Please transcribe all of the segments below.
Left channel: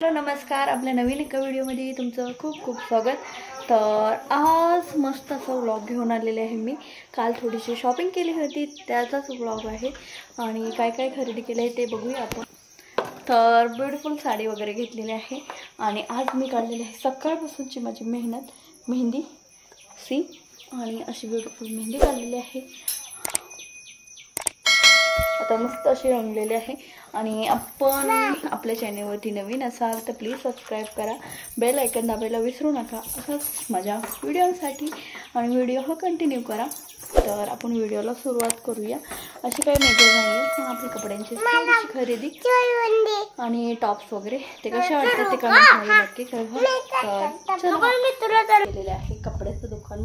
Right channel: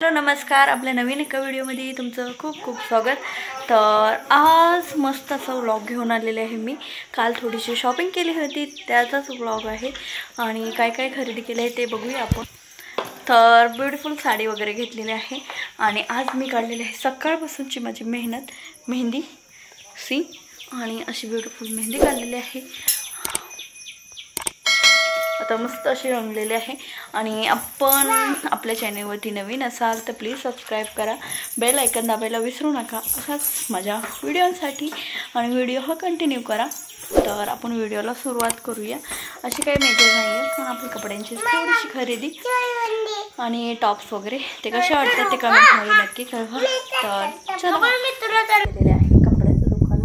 Hello नमस्कार, आपल्या नवीन एका व्हिडिओमध्ये तुमचं खूप खूप स्वागत। तर आज मस्त असा व्लॉग घेऊन आलेले आहे मी। काल थोडीशी शॉपिंग केली होती, त्याचाच व्लॉग आहे आणि काय काय खरेदी केले आहे ते बघूया आपण। तर ब्युटिफुल साडी वगैरे घेतलेली आहे आणि आज मी काढलेली आहे सकाळपासूनची माझी मेहंदी सी आणि अशी ब्युटिफुल मेहंदी काढलेली आहे। आता मस्त अशी रंगलेले आहे आणि आपण आपल्या चॅनलवरती नवीन असाल तर प्लीज सबस्क्राइब करा, बेल आयकन दाबायला विसरू नका असाच माझ्या व्हिडिओसाठी आणि व्हिडिओ हा कंटिन्यू करा। तर आपण व्हिडिओला सुरुवात करूया। अशी काही मेजर नाही आहे, पण आपल्या कपड्यांची थोडीशी खरेदी आणि टॉप्स वगैरे ते कसे वाटतात ते कमेंटमध्ये नक्की कळवा। तर चला, मी तुला केलेले आहे कपड्याचं दुकान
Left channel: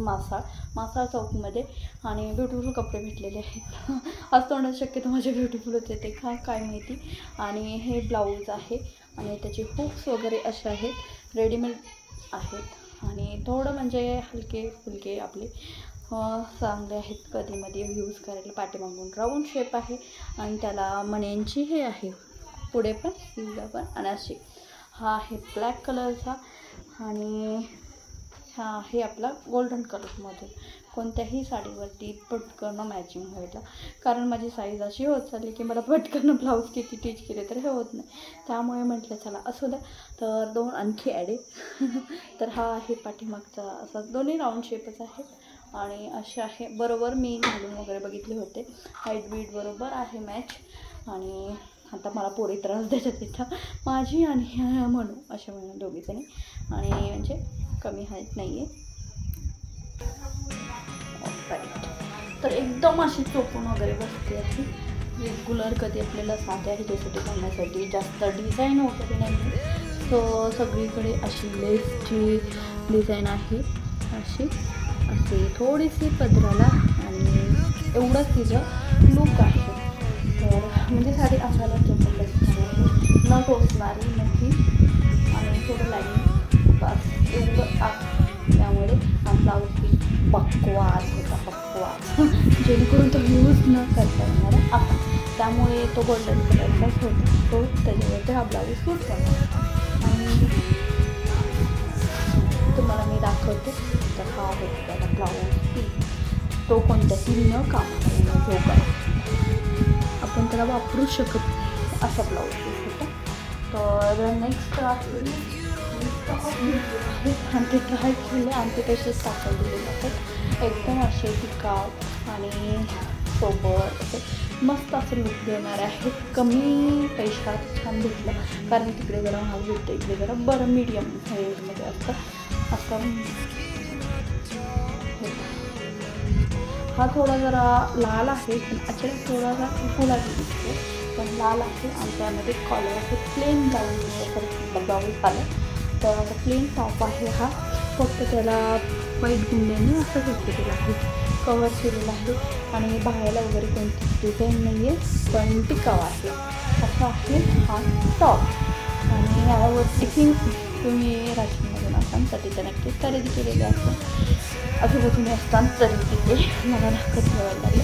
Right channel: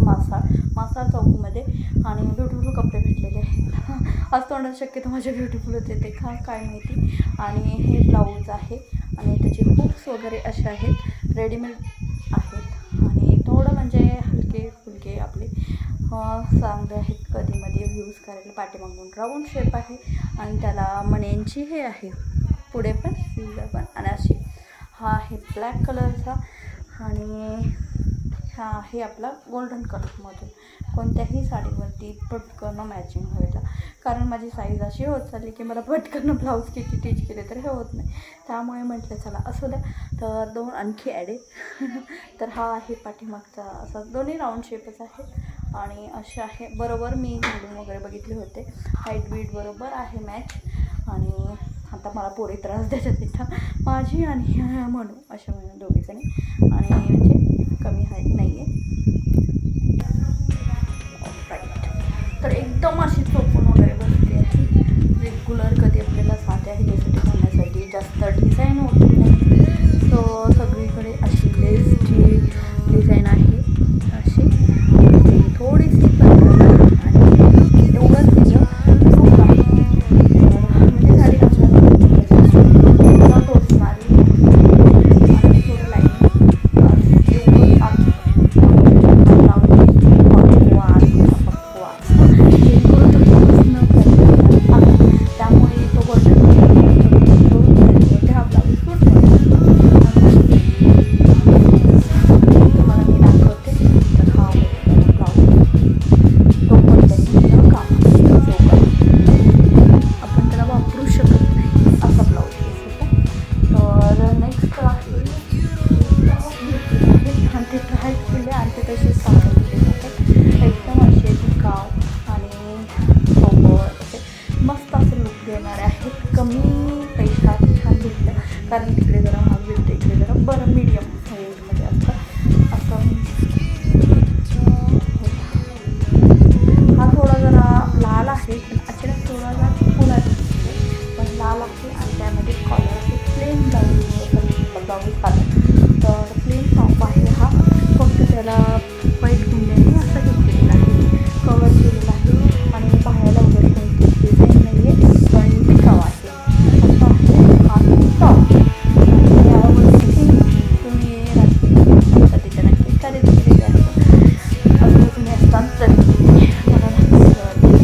मासाळ चौकमध्ये आणि ब्युटिफुल कपडे भेटलेले आहेत। आज तोंडात शक्यतो माझे ब्युटिफुल होते ते काय माहिती। आणि हे ब्लाऊज आहे आणि त्याचे हुक्स वगैरे असे आहेत, रेडीमेड आहेत आणि थोडं म्हणजे हलके फुलके आपले चांगले आहेत, कधीमध्ये यूज करायला। पाठीमागून राऊंड शेप आहे आणि त्याला मण्यांची हे आहे, पुढे पण स्लीवला पण। आणि अशी हा आहे ब्लॅक कलरचा आणि हा आहे आपला गोल्डन कलरमधून। कोणत्याही साडीवरती पटकन मॅचिंग व्हायला, कारण माझी साईज अशी होत चालली की मला पटकन ब्लाऊज किती टिच केले तर हे होत नाही, त्यामुळे म्हटलं चला असू द्या। तर दोन आणखी ॲड आहे तर हा आहे पाठीमागचा असा, दोन्ही राऊंड शेपच आहेत आणि असे आहे। बरोबर मी घालून वगैरे बघितले होते, हाईट बीट बरोबर आहे मॅच। आणि आता मला पोरी त्रास देतात तिथं, माझी आणि म्हणू अशा म्हणून दोघीजणी, आणि म्हणजे कमी हाईट नाही आहे राईट। तर एकदम अशी चोपून वगैरे बसली आहे, रेग्युलर कधी आपल्याला साध्या ह्याच्यासाठी घालण्यासाठी जास्त डिझाईन होती नाही। तो सगळीकडे अशी लेसची डिझाईन आहे, अशी थोडीशी पंधराला आणि एवढंच तिचं लूक आहे। म्हणजे साडी आपल्याला न टोचणारी आणि थोडं लाईन एवढं आहे, जेणेकरून तो यूज न करता आपण, त्यामुळे तो गोल्डन कलर हा ब्लाऊज सूट करतो। तुम्हाला मी दाखवते, तर हा आहे त्याला ब्लाऊज, तो कोणत्याही न काम आपण त्याला वापरू शकत नाही असा ब्लाऊज पीस होता। तर नेक्स्ट आहे आणि ते ट्राय केले आणि ते तसेच टाकले जातात, एकदम असे टिकाव आणि सोबत असे मस्त असे लुक देणारे आहेत। कमी पैशात छान भेटलं, कारण तिकडे जरा महाग भेटतं, इकडे जरा बरं मीडियम रेंजमध्ये असतं। हा थोडा जरा लाल आहे, पण अचानक थोडा जरा फुला दिसतो, पण लाल आहे आणि त्यामध्ये कॉलर असे प्लेन ब्लाऊज आलं। तर प्लेन टॉप आहे हा, फक्त त्याला व्हाईट गुंड्याने असं घेतलेलं आहे, कवर केलेलं आहे आणि बाहेरला वगैरे कोणती डिझाईन नाही आहे, पण टिकाव आहे असं आहे हा टॉप। आणि यावरती तुम्ही राजकीय तिथे नक्कीच खरेदी केलेली असतं, अजून तुम्ही असताना तरी मला दाखवली।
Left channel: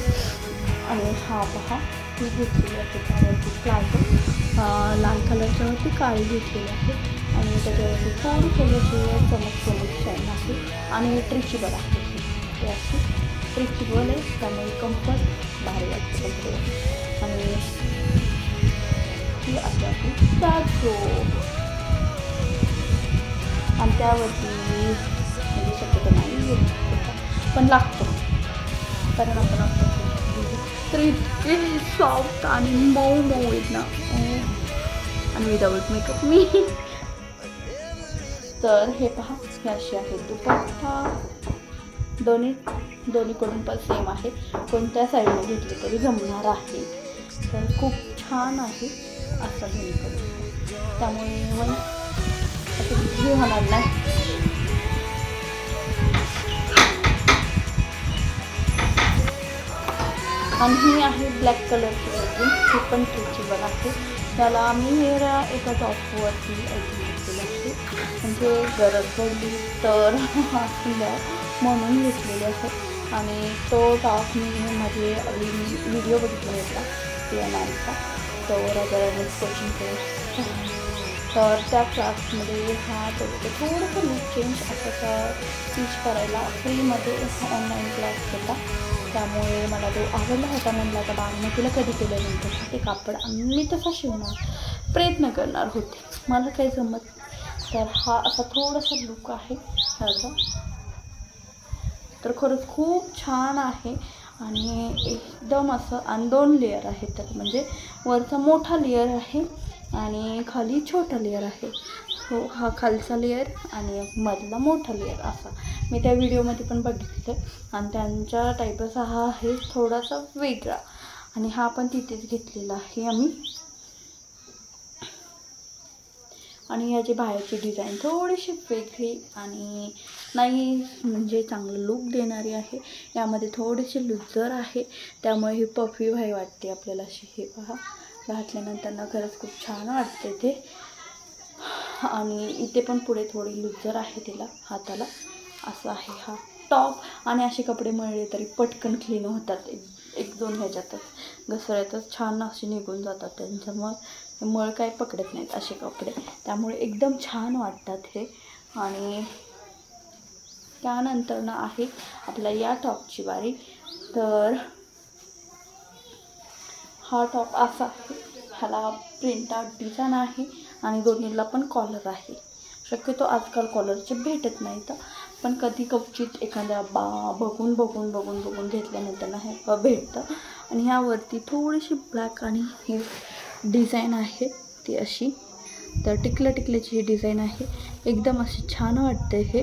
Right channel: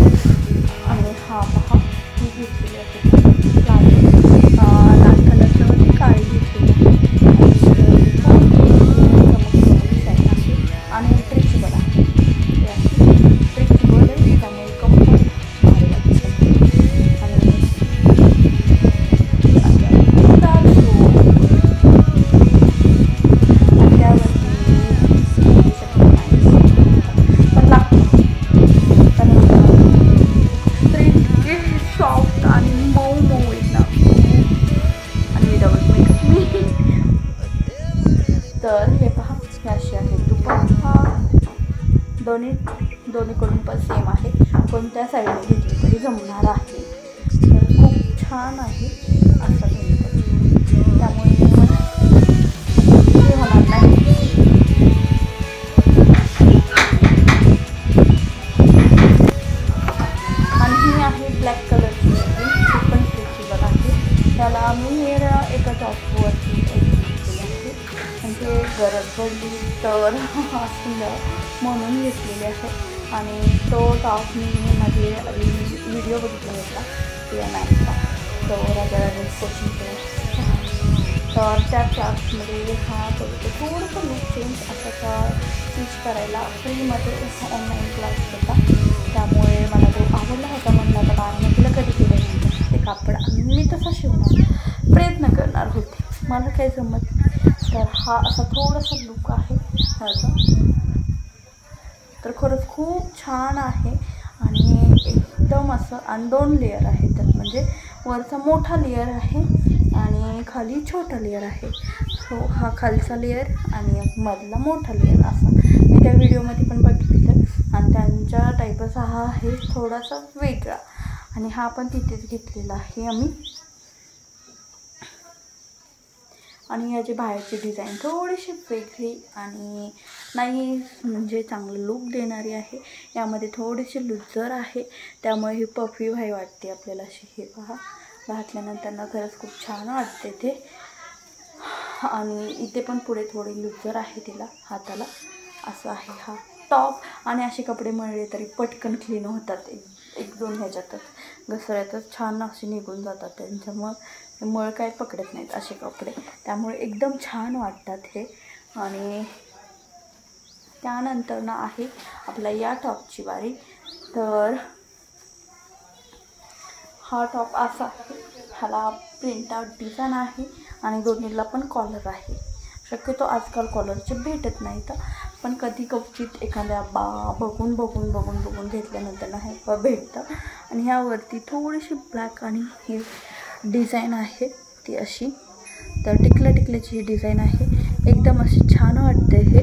आणि हा पहा, ही घेतलेली आहे लाल कलरच्यावरती काळी घेतलेली आहे आणि ट्रिचेबल आहे, ट्रिचेबल आहे त्यामुळे कम्फर्ट भारी वाटतं। आणि पण लागतो, कारण आपण सॉफ्ट आणि मऊ आहेत ना, आणि विदाऊट मेकअप मी। तर हे पहा, हे असे आहे दुपट्टा, दोन्हीकडून पण सेम आहे, कोणत्या साईडने घेतली तरी जमणार आहे। तर खूप छान आहे असं दोन्हीकडून, त्यामुळे हे होणार नाही। आणि ही आहे ब्लॅक कलरची लेगिन, ही पण स्ट्रेचेबल आहे। त्याला मी एका टॉपवरती घेतलेलं आहे, म्हणजे गरज पडली तर म्हणून घेतलेले आहे। आणि तो टॉप मी माझे व्हिडिओ बघितला होता PNIचा, तो राजा कोचिंग क्लास तर त्या क्लासमध्ये हा थोडंसं लुक चेंज असाचा टीच करायला फ्रीमध्ये ऑनलाईन क्लास होता, त्यामुळे मला तो आवडला होता. म्हणला आता बाळानं तुला कधी केल्यानंतर ते कापड मी तसा शिवणार प्रयत्न करणार होते, मला काही जमत. तर हा असा थोडासा लुक आहे ह्याचा, तर खरंच खूप छान आहे आणि एकदम असं. आणि 2 लेअर आहे त्यात, म्हणजे वरचा मोठा लेअर आहे आणि खाली छोटा लेअर आहे. सो हा खालचा लेअर आणि मधला मोठा लेअर असा मी त्या व्हिडिओमध्ये पण बघितलं. आणि त्यांच्या टाईपच हा आहे थोडासा वेगळा, आणि हा पण तिथेच घेतलेला आहे आम्ही. आणि याची बाहेरची डिझाईन थोडीशी वेगळी आणि नाही म्हणजे चांगलं लूक देणारी आहे. यामध्ये थोडीशी लुजर आहे, त्यामुळे ही पफी व्हाई वाटते आपल्याला अशी. हे पहा, घातल्यानंतर खरंच खूप छान वाटते ते. आणि इथे पण पुढे थोडी लुजर आहे तिला हाताला, असं आहे हा टॉप. आणि असे कपडे मळले तरी पटकन क्लीन होतात, एक 2 ह्याच्यातच घसऱ्यातच छान असे निघून जातात. त्यांच्यामुळे मळ काय पकडत नाहीत असे कपडे, त्यामुळे एकदम छान वाटतात हे. आणि त्यानंतर ना आहे आपला या टॉपची बारी. तर हा टॉप असा आहे, ह्याला प्रिंट आउट डिझाईन आहे आणि दोन्हीला पण कॉलर आहे. शक्यतो आजकाल कॉलरचे भेटत नाहीत, पण कधी कवचित एखाद्या बघून घेतल्यानंतर ना हे भेटतं. आणि ह्यावरती थोडीशी ब्लॅक आणि ही डिझाईन आहे ती अशी. तर टिकल्याची ही डिझाईन आहे, एकदम अशी छान वाटते हे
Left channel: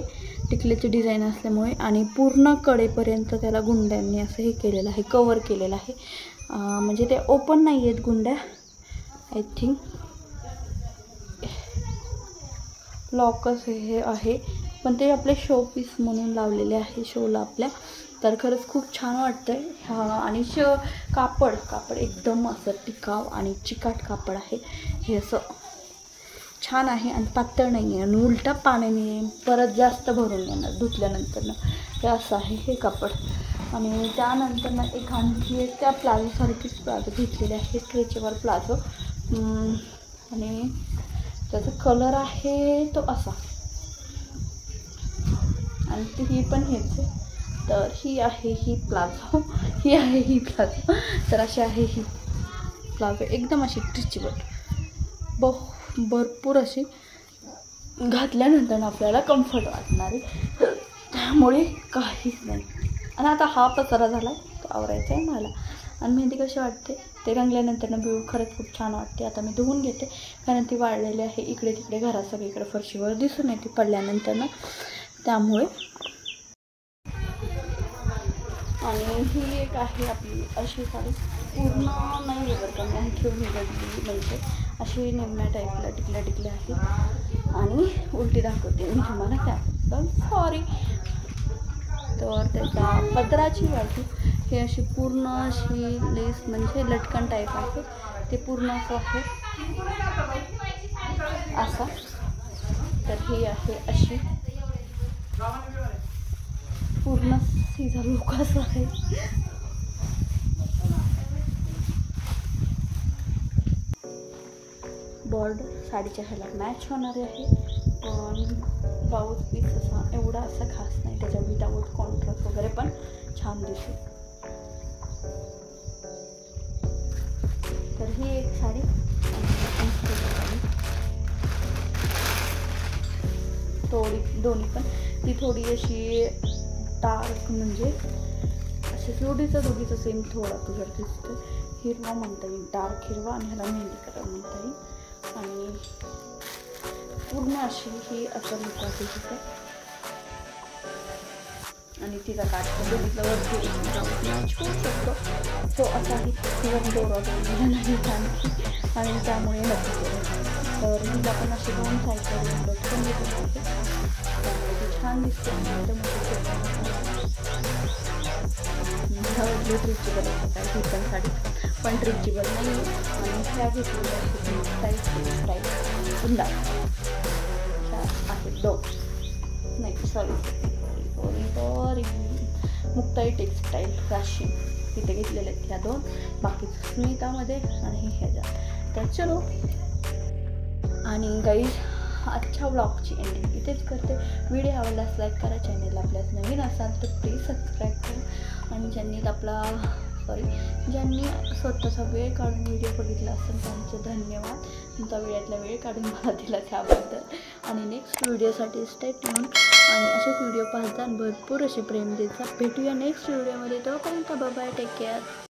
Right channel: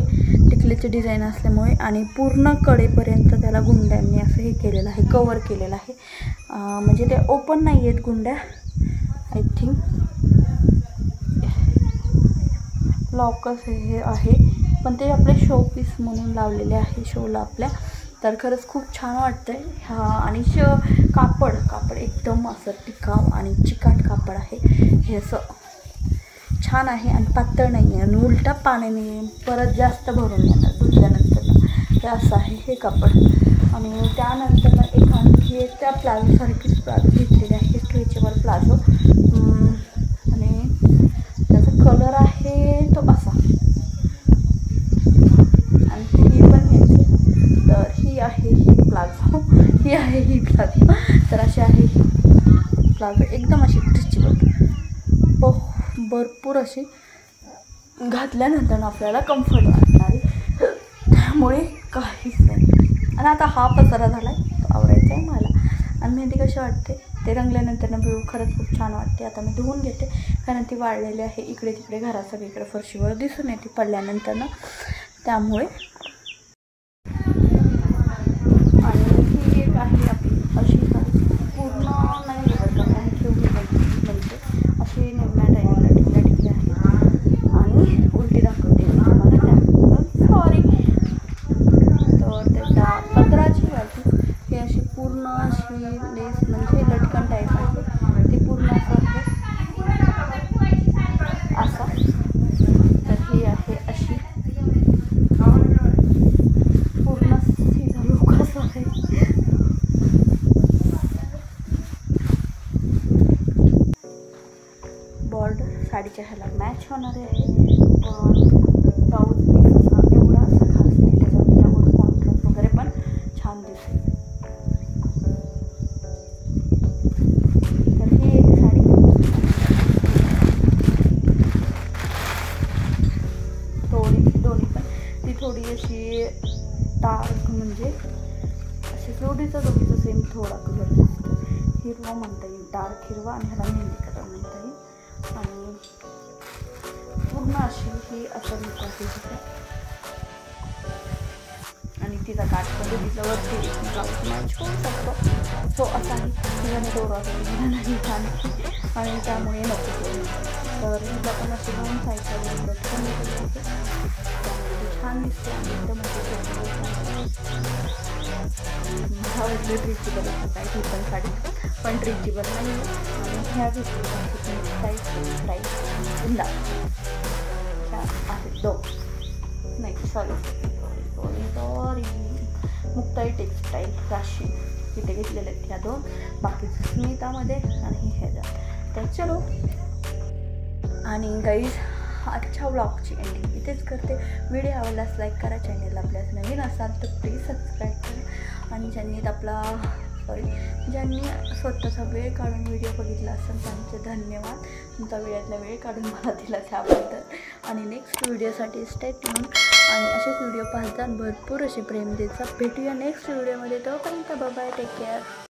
टिकल्याची डिझाईन असल्यामुळे. आणि पूर्ण कडेपर्यंत त्याला गुंड्यांनी असं हे केलेलं आहे, कवर केलेलं आहे. म्हणजे ते ओपन नाही आहेत गुंड्या, आय थिंक लॉकच हे आहे, पण ते आपले शो पीस म्हणून लावलेले आहे शोला आपल्या. तर खरंच खूप छान वाटतं आहे. आणि कापड एकदम असं टिकाव आणि चिकाट कापड आहे हे, असं छान आहे आणि पातळ नाही आहे आणि उलटा पाण्याने परत जास्त भरून येणार धुतल्यानंतर हे असं आहे हे कापड. आणि त्यानंतर एक आणखी त्या प्लाझोसारखीच प्लाझो घेतलेली आहे, स्ट्रेचेबल प्लाझो. आणि त्याचा कलर आहे तो असा, आणि ही पण हेच आहे. तर ही आहे ही प्लाझो, ही आहे ही प्लाझो. तर अशी आहे ही प्लाझो, एकदम अशी स्ट्रेचेबल, भरपूर अशी घातल्यानंतर आपल्याला कम्फर्ट वाटणारी, त्यामुळे काहीच नाही. आणि आता हा पसारा झाला आहे, तो आवरायचा आहे मला. आणि मेहंदी कशी वाटते ते रंगल्यानंतर व्ह्यू खरंच खूप छान वाटते. आता मी धुवून घेते, कारण ती वाळलेली आहे. इकडे तिकडे घरात सगळीकडे फरशीवर दिसून येते पडल्यानंतर त्यामुळे. आणि ही एक आहे आपली अशी साडी, पूर्ण नाही बघत का ठेवली पाहिजे, म्हणजे अशी निम्म्या टाईपला टिकल्या आहेत. आणि उलटी दाखवते मी तुम्हाला, त्यानंतर सॉरी. तर त्याच्या पदराची बाजू ही अशी पूर्ण अशी लेस म्हणजे लटकन टाईप आहे, ते पूर्ण असं आहे असा. तर ही आहे अशी पूर्ण सीधा लुक असा आहे. बॉर्डर साडीच्या ह्याला मॅच होणारे आहे, पण ब्लाऊज पीस असा एवढा असा खास नाही, त्याच्या विदाऊट कॉन्ट्रास्ट वगैरे पण छान दिसेल. तर ही एक साडी, दोन्ही पण ती थोडी अशी डार्क, म्हणजे असे दोघीचं सेम थोडा कलर दिसतो, हिरवा म्हणता येईल, डार्क हिरवा, आणि ह्याला मेहंदी कलर म्हणता येईल. आणि पूर्ण अशी ही असं लुक आहे तिचं. आणि तिचा काठ पण दोघीच्यावरती ब्लाऊज मॅच होऊ शकतो, सो असा आहे. तिला मी दोरा दिला नाही छानशी, आणि त्यामुळे नको करू. तर हिला पण असे 2 साईडला 2 कट पण दिलेले आहे, त्यामुळे ती छान दिसते. आणि एकदम अशी मला वाटलं ट्रिचेबल आहे काय ही पण साडी, पण ट्रिचेबल नाही आहे. आणि ह्या घेतलेल्या आहेत मुक्ताई टेक्सटाईल उंदा, ह्या आहेत 2, नाही सॉरी मुक्ताई टेक्सटाईल राशी, तिथे घेतलेले आहेत ह्या 2, बाकीचं स्मितामध्ये आणि ह्याच्यात. तर चलो आणि गाईज आजच्या व्लॉगची एंडिंग इथेच करते. व्हिडिओ आवडल्यास लाईक करा, चॅनलला आपल्यास नवीन असाल तर प्लीज सबस्क्राईब करा. आणि ज्यांनी स्वतःचा वेळ काढून व्हिडिओ बघितला असेल त्यांचे धन्यवाद. तुमचा वेळातला वेळ काढून मला दिला त्याबद्दल. आणि नेक्स्ट व्हिडिओसाठी स्टे ट्यून आणि असेच व्हिडिओ पाहता भरपूर असे प्रेम देता. भेटूया नेक्स्ट व्हिडिओमध्ये. तोपर्यंत बाय बाय, टेक केअर.